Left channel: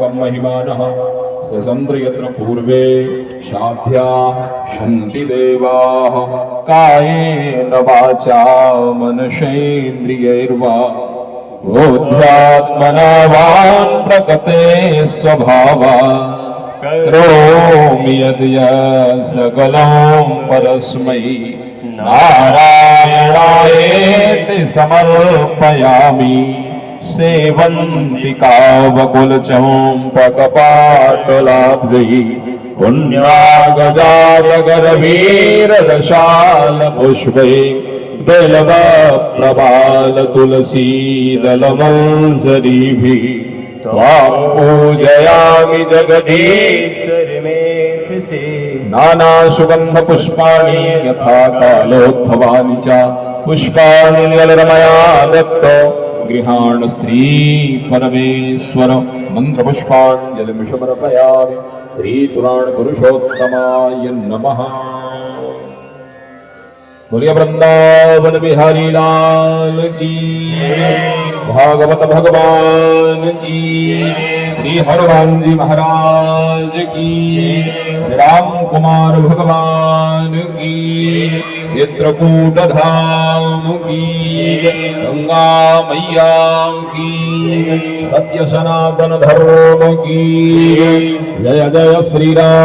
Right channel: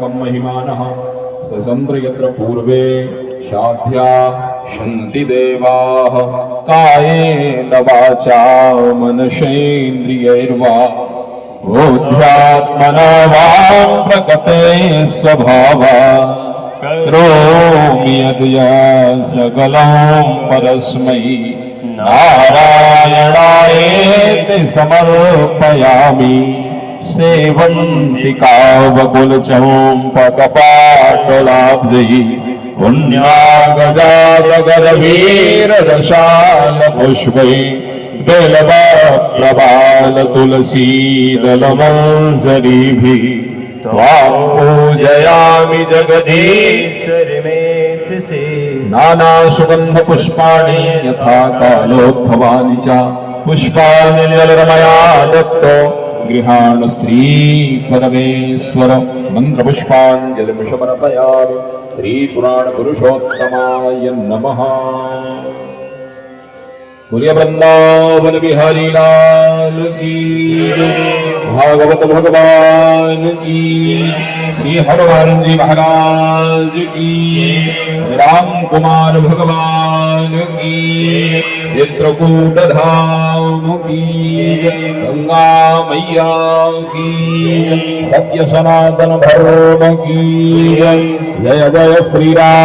व्यापकं महिमानः ससंद्र यत्र पूर्वे शाध्या शन्ति देवाः कायेन वाचा मनसेन्द्रियैर्वा बुद्ध्यात्मना वां प्रकृते स्वभावात् करोमि यद्यत् सकलं परस्मै नारायणायेति समर्पयामि सेवन्तिकावकुलचम्पकपाटलाब्जैः पुण्यागजातगरवीरदशालपुष्पैः बेलवप्रबालतुलसीदलमंसरीभिः त्वां पूजयामि जगदीश्वरि मे नानासुगन्धपुष्पाणि यथा कालोद्भवानि च पुष्पाणि निरमया दत्त गृहाण श्रीपरमेश्वर मन्त्रपुष्पाञ्जलिं समर्पयामि श्रीपुराणपुरुषोत्तमाय नमः। बोलिए वृंदावन बिहारी लाल की, भागवत भगवान की, श्री हनुमान जी महाराज की, श्री राम कुमार भगवान की, चित्रकूट धाम की, गंगा मैया की, सत्य सनातन धर्म की जय जय श्री राम।